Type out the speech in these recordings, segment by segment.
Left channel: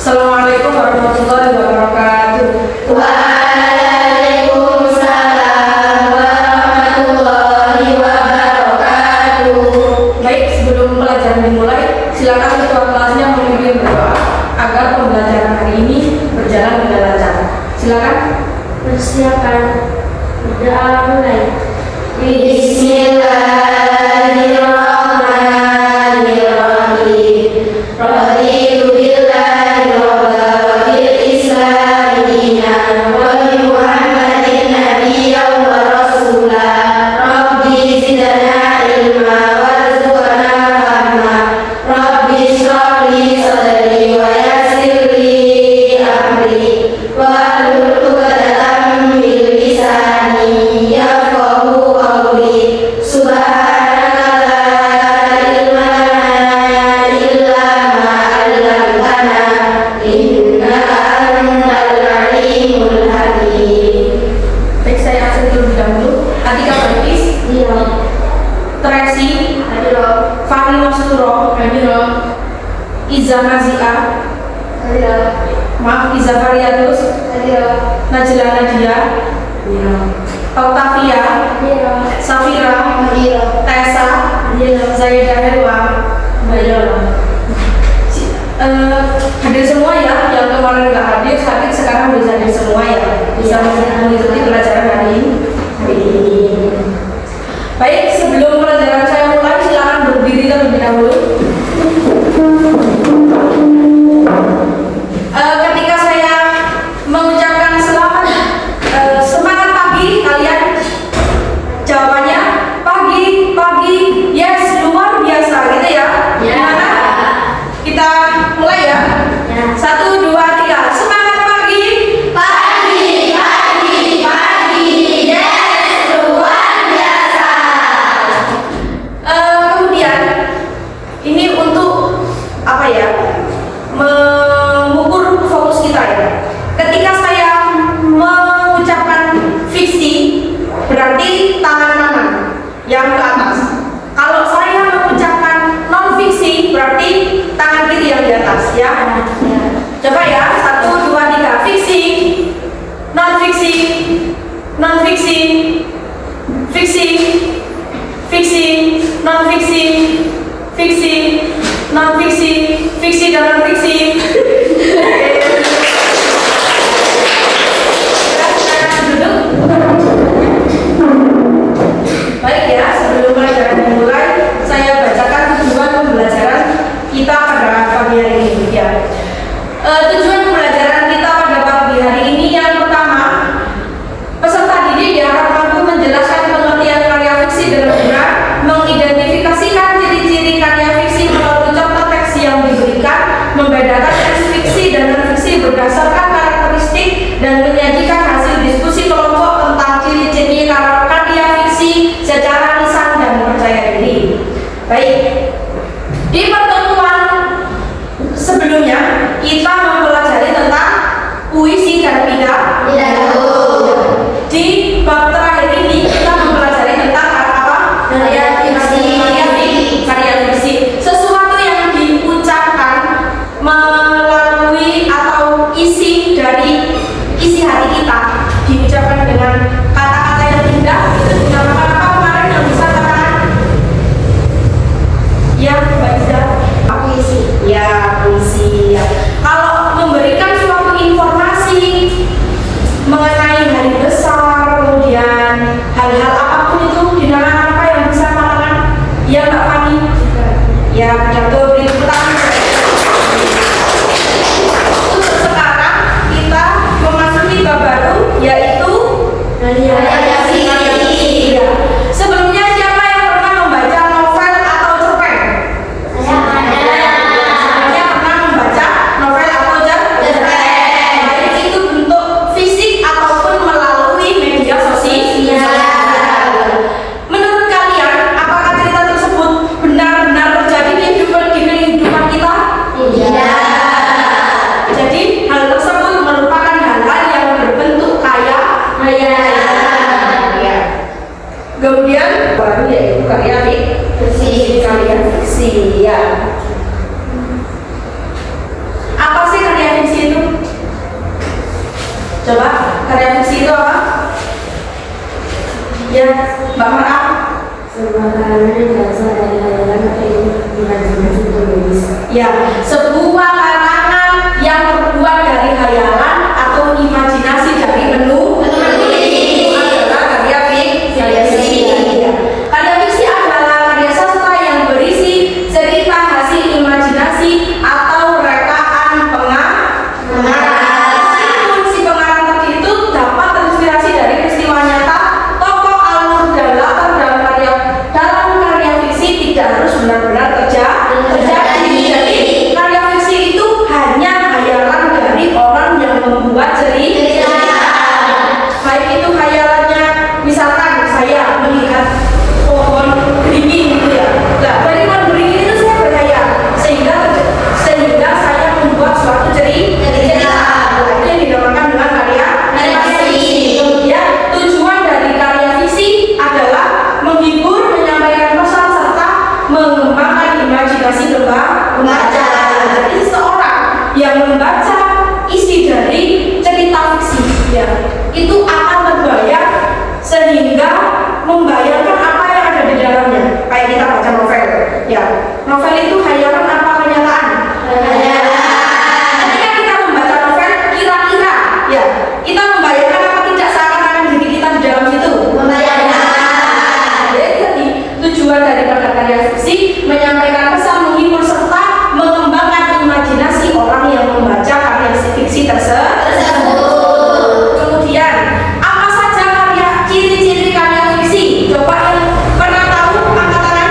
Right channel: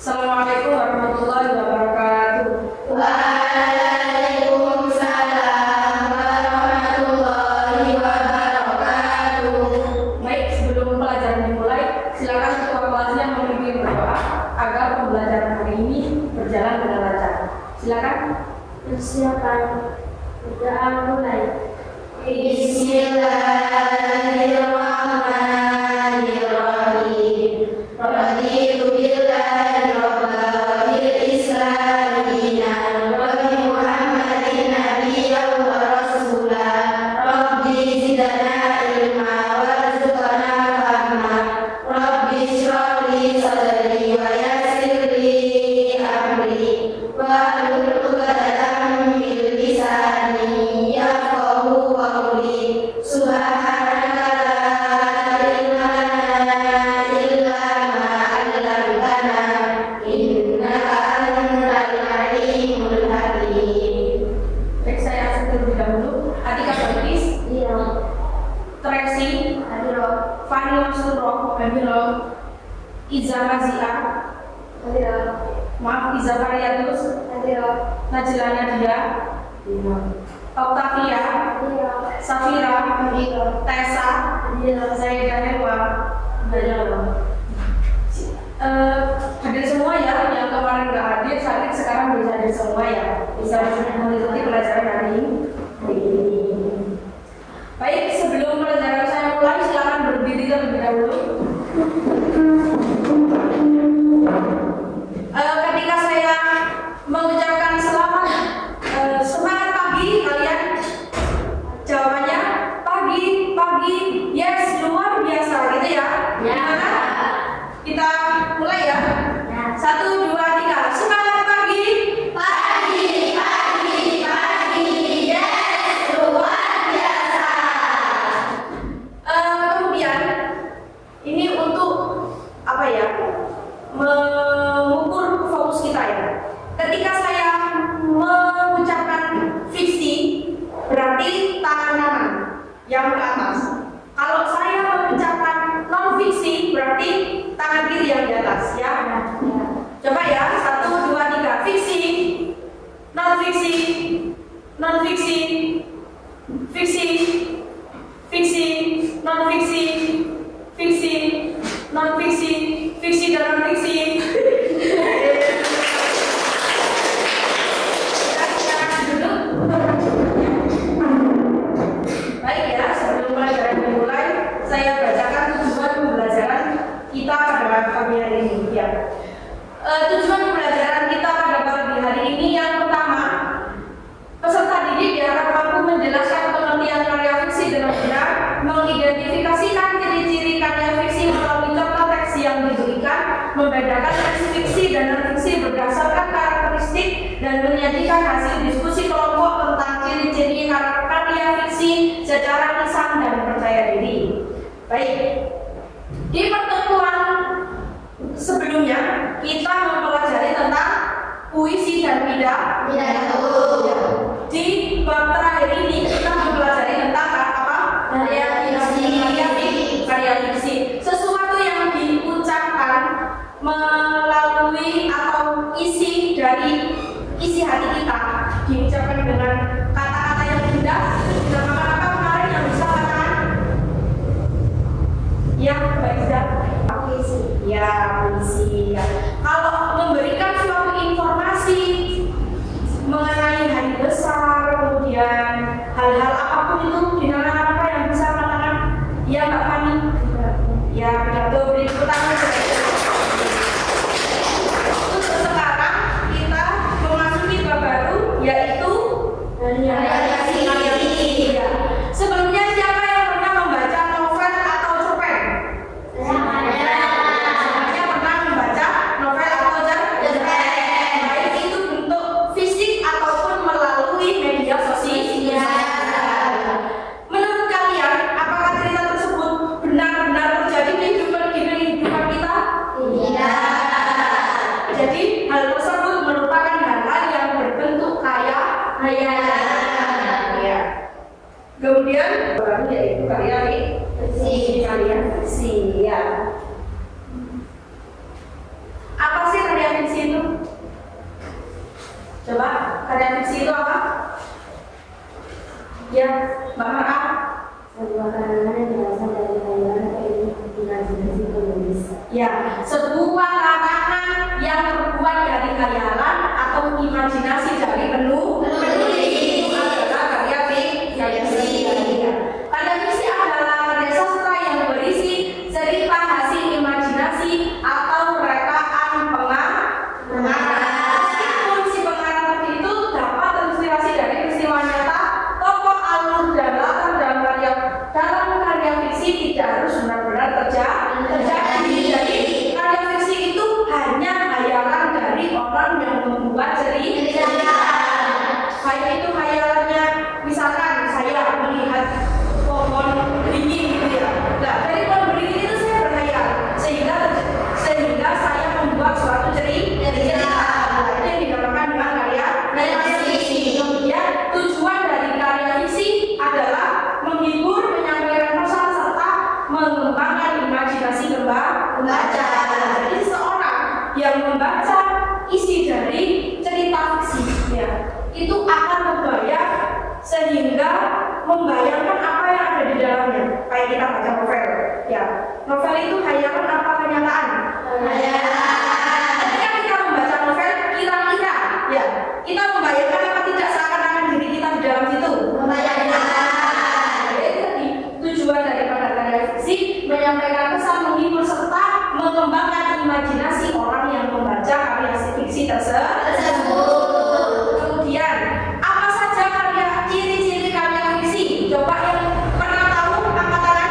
Assalamualaikum warahmatullahi wabarakatuh. Waalaikumsalam warahmatullahi wabarakatuh. Baik, sebelum pelajaran dimulai, silakan ketua kelasnya memimpin berdoa agar pembelajaran hari ini berjalan dengan lancar. Silakan. Persiapan berdoa mulai. Bismillahirrahmanirrahim. Raditu billahi rabban wa bil islami dinan wa bi Muhammadin nabiyyan wa rasulan. Rabbi zidna ilma warzuqna fahma. Rabbi shrah li sadri wa yassir li amri wahlul 'uqdatam min lisani yafqahu qawli. Subhanaka la ilma lana illa ma 'allamtana innaka antal alimul hakim. Baik, saya absen terlebih dahulu. Atika Batis, Iya. Tracy, Hadiro. Fahmi Masutro, Hadiro. Iza Mazia, Hadiro. maaf Iza Variatus, Hadiro. Najla Nadia, Octavia, Hadiro. Safira, Hadiro. Tessa, Hadiro. Zaidah Helwa. Hadir semua ya, yang kemarin nggak hadir sakit sekarang bisa hadir semua ya, bisa mengikuti pelajaran hari ini. Baik, sebelum pelajaran saya mulai, silakan berdiri terlebih dahulu. Ketika saya mengucapkan selamat semangat pagi, kalian jawabannya pagi, pagi, yes, luar biasa gitu ya. Ya. Gimana? Kita mulai ya. Ya. 1, 2, 3. Semangat pagi. Pagi, pagi, pagi, yes, luar biasa. Kemudian ini untuk apa ya? Mengukur fokus kita ya. Ketika saya mengucapkan fiksi, berarti tangan kanan yang ke atas. Kalau saya mengucapkan non fiksi, berarti tangan kiri yang di atas ya. Coba ya, 1, 2, 3. Fiksi, non fiksi, non fiksi, fiksi, fiksi, non fiksi, fiksi, non fiksi, fiksi dan non fiksi. Duduk. Baik ya, sebelum pelajaran dimulai, saya bacakan tujuan pembelajaran kita pada pagi hari ini ya. Tujuan pembelajaran kita pada pagi hari ini yang pertama, peserta didik diharap mampu menjelaskan pengertian karya fiksi dengan benar, mengidentifikasikan ciri-ciri karya fiksi melalui contoh teks yang diberikan, membedakan teks fiksi dan non-fiksi berdasarkan karakteristik, dan menyajikan hasil diskusi kelompok tentang ciri-ciri karya fiksi secara lisan dan percaya diri. Baik, di pertemuan sebelumnya kita mempelajari tentang puisi dan pidato. Di bab terakhir ini kita mempelajari tentang apa? Karya fiksi. Karya fiksi. Sesuatu yang diucapkan melalui atau isi dari isi hati kita Ya, Mbak Mara. Sebuah karangan yang berasal dari hayalan atau imajinasi penulis. Ya, sebuah karangan yang terbuat dari hayalan atau imajinasi dari penulis itu adalah karya fiksi. Ya. Karya fiksi adalah karya sastra yang berisi cerita hasil imajinasi atau rekaan pengarang. Meskipun si pengarang tadi itu dapat terinspirasi dari peristiwa nyata, tokoh, alur, dan latar dalam karya fiksi tidak harus benar-benar terjadi. Jadi karya fiksi itu hanya hayalan dari orang yang membuat cerita. Baik itu hayalannya, misalkan saya melihat pohon beringin gitu ya. Nah, dari pohon beringin itu saya berhayal sehingga saya membuat suatu cerita. Nah, itu yang dinamakan dengan karya fiksi. Kemudian tujuan dari karya fiksi adalah menghibur, menyampaikan pesan serta mengembangkan imajinasi pembaca. Jadi seseorang yang membaca isi dari cerita fiksi ya, itu akan terbayang sehingga membayangkan apa yang ada di dalamnya. Kayak kita baca novel ya. Novel itu hayalan apa kenyataan? Ketika kita membaca novel, kira-kira ya, kita membayangkan apa tidak seakan-akan diri kita di dalam situ? Jadi tujuan daripada karya fiksi menyampaikan pesan, menghibur serta mengembangkan imajinasi orang yang membaca karya fiksi tersebut. Kemudian apa saja ciri-ciri karya fiksi? Coba yang pernah tahu angkat tangan.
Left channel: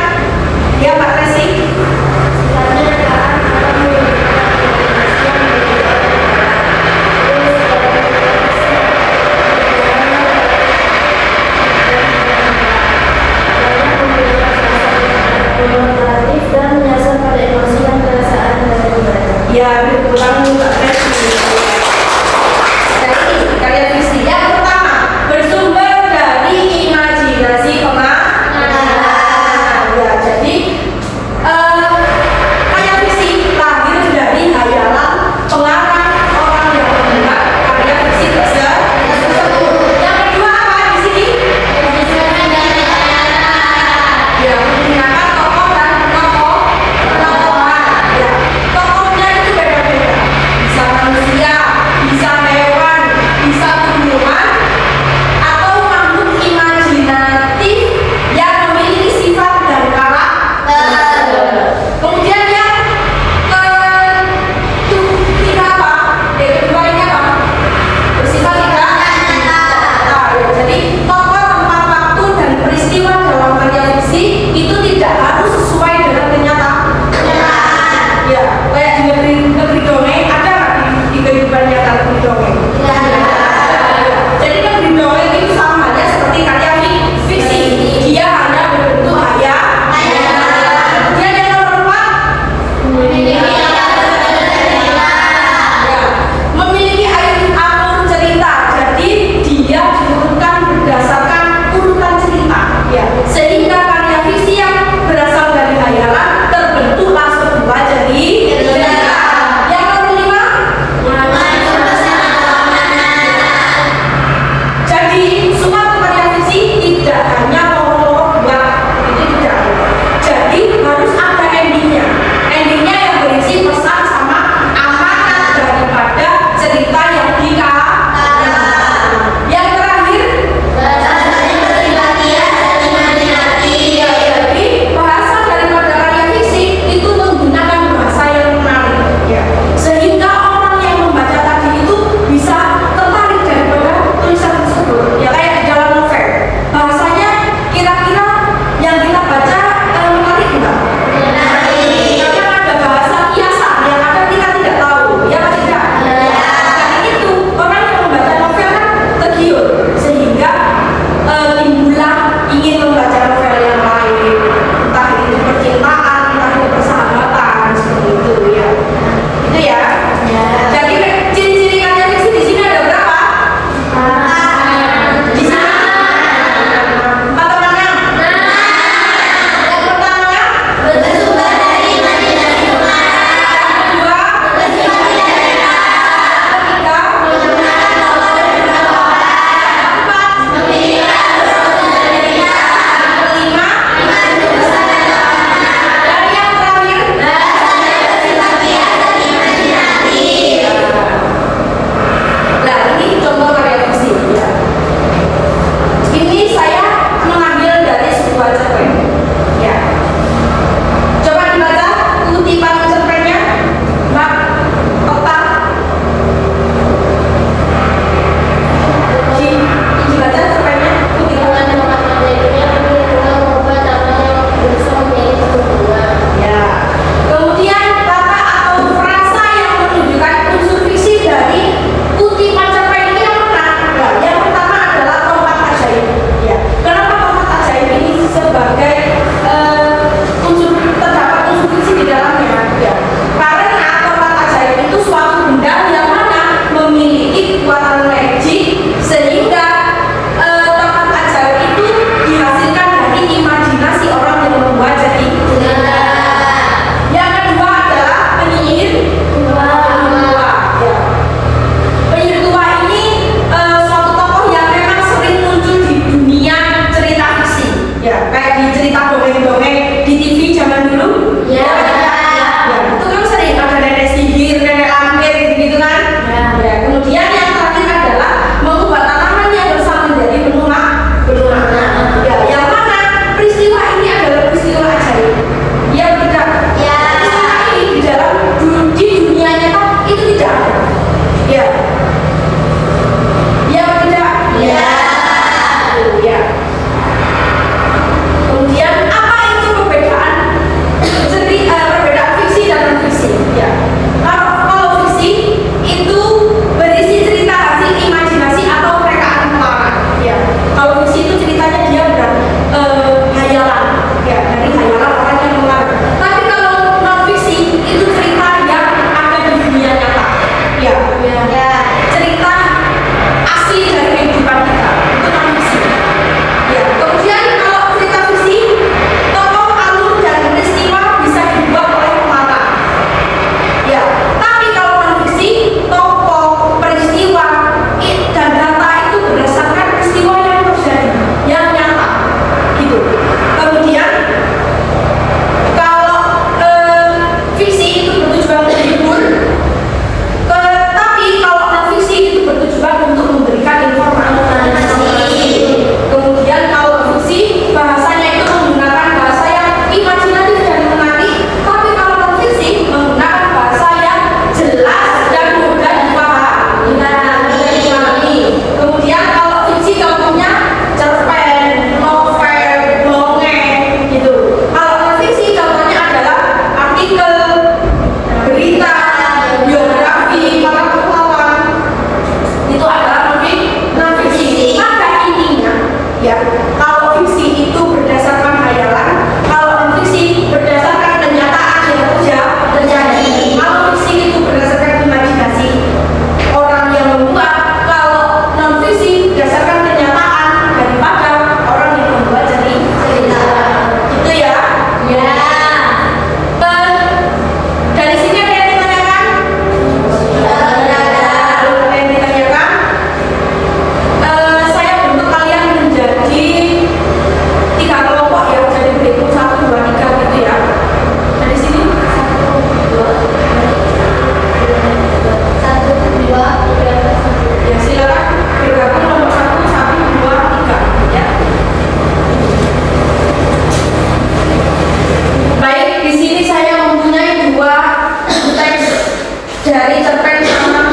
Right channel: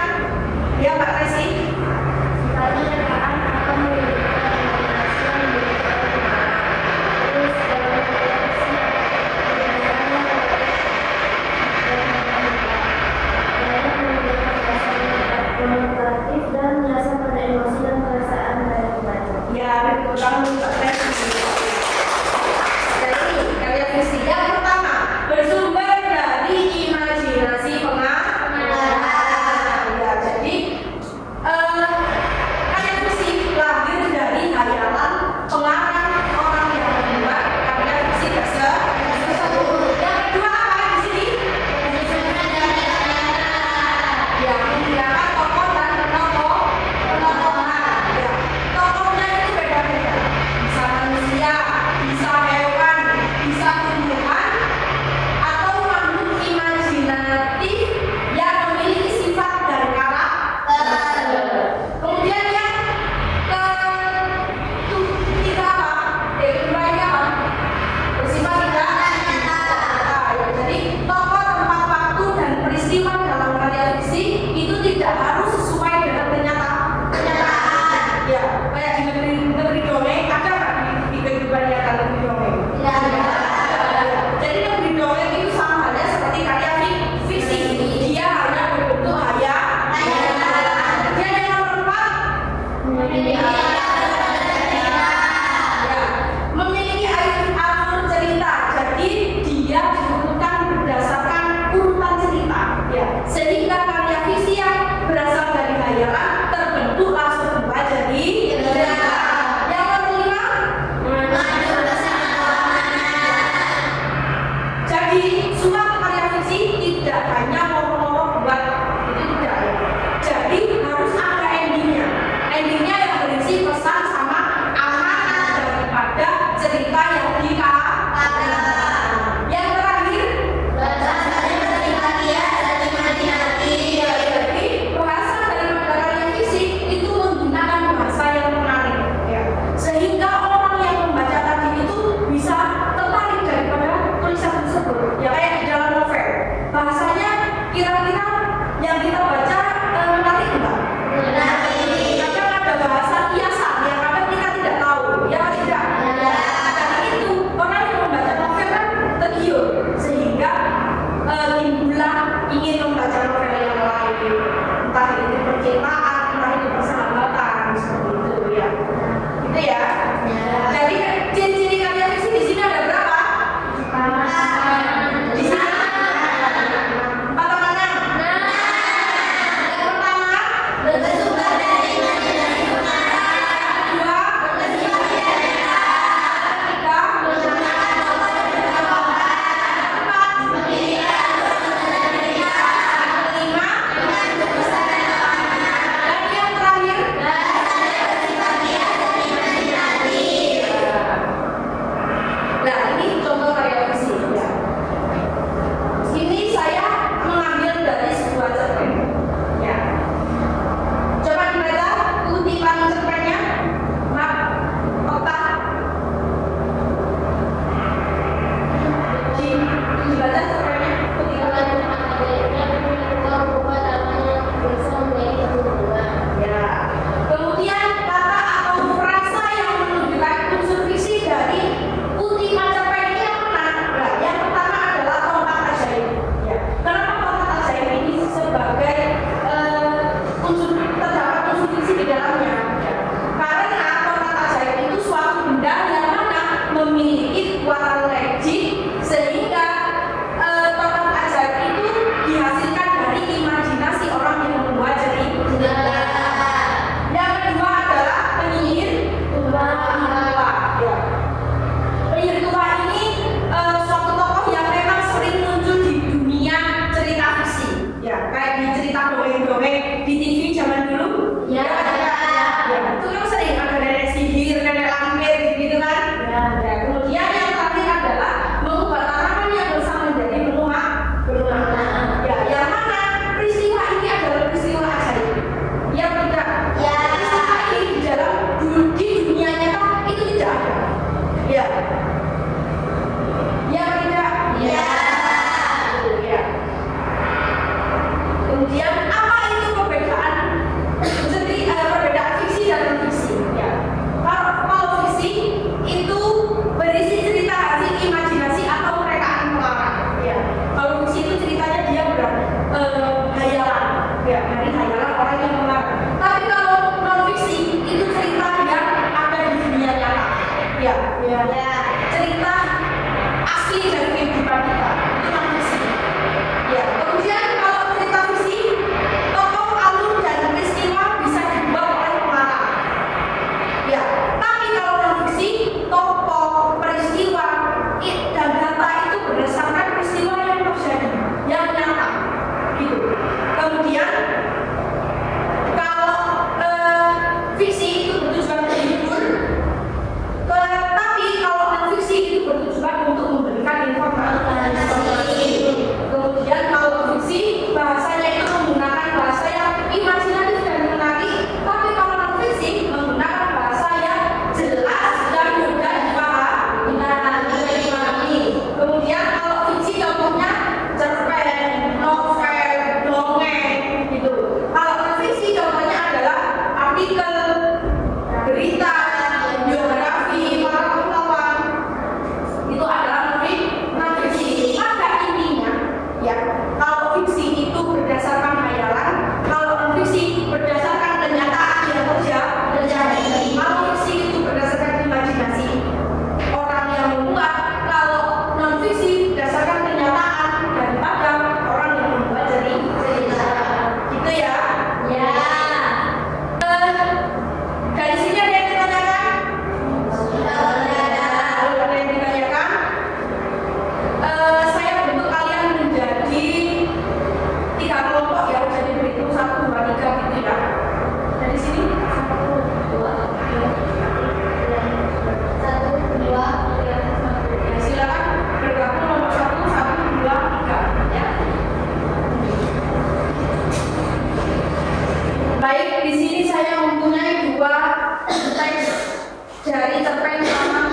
cerpen sama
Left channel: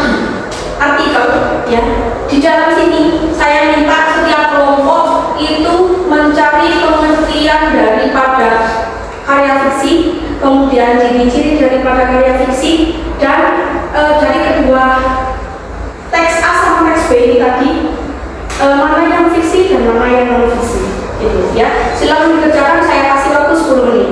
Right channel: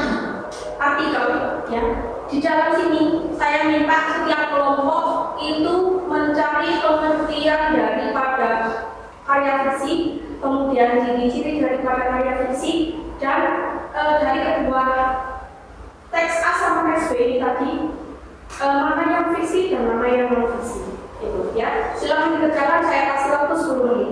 artikel ya. Di dalam sini saya minta setiap kelompok itu mencari pengertian daripada karya fiksi, kemudian ciri-ciri daripada karya fiksi, dan dari kedua teks A sama teks B ini tadi mana yang fiksi dan mana yang non fiksi gitu ya. Silakan dikerjakan, saya kasih waktu 10 menit.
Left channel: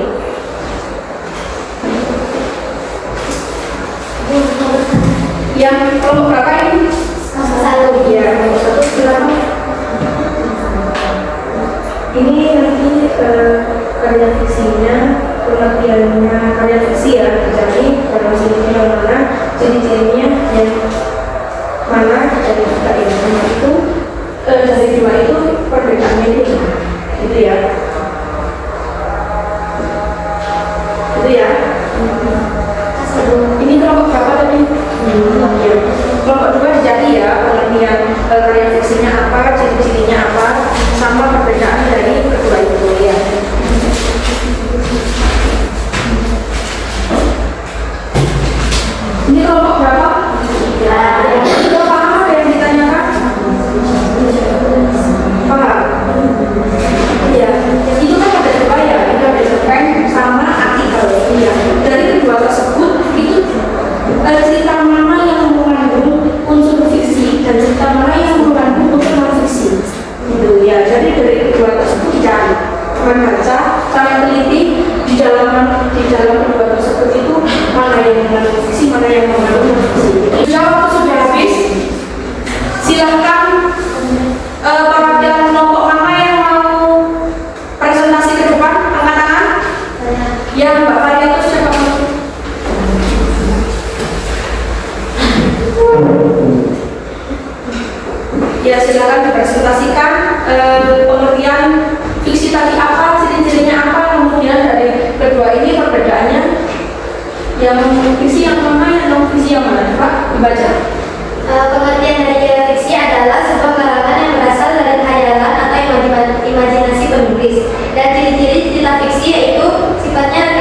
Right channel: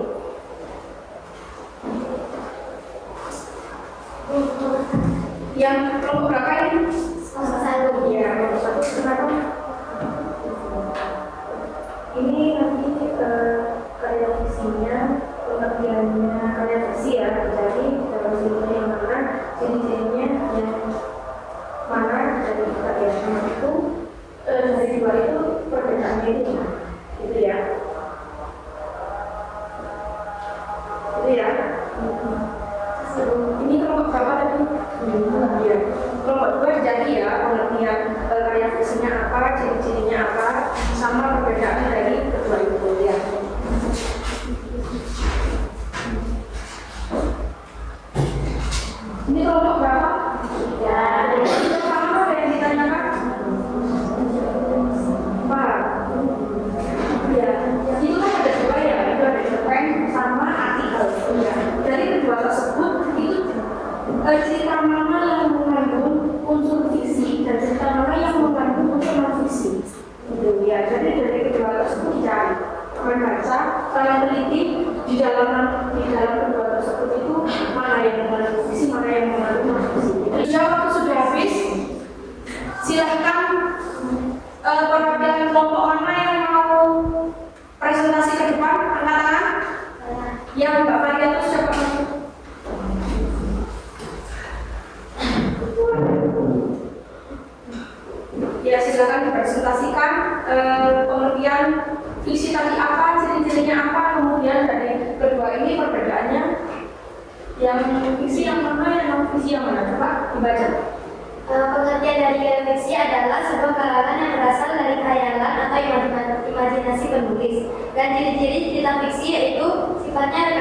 Yang kelompok berapa ini? Satu. Ya, kelompok 1 silakan. Ini nanti karya fiksinya, pengertiannya karya fiksi ya, jadi dalam sini yang mana, ciri-cirinya yang mana dari kita yang itu dari dua itu perbedaannya itu gitu ya. Itu ya. Ini kelompok berapa tadi? Ya. Kelompok 2 jadi ya, pengertian karya fiksinya apa, ciri-cirinya apa, sama perbedaan dari kedua itu ya. Ini kelompok berapa? Ya. Itu paham apa yang ditanyakan? Paham? Iya. Itu kan ada dua ya, itu ada cerpen sama artikel. Iya. Dari kedua tersebut itu cerita mana yang mengandung unsur fiksi dan cerita mana yang mengandung unsur non fiksi. Gitu ya. Jadi dari kedua tersebut dicari, membaca, sangat teliti di dalam kedua tersebut itu mana yang mengandung fiksi, mana yang mengandung non fiksi. Jika waktu sudah habis, silahkan para kelompok mana yang mau presentasi ke depan, angkat tangan. Yang Mbak Faria itu siapa? Ya silakan dipresentasikan pengertian fiksi tadi apa, ciri-cirinya apa, kemudian dari kedua ini perbedaannya. Yang fiksi yang mana, yang non fiksi yang mana? Pak, dibaca. Pengertian dari fiksi adalah sebuah karangan yang berasal dari khayalan atau imajinasi penulis. Dan ciri-ciri cerita fiksi yaitu sifatnya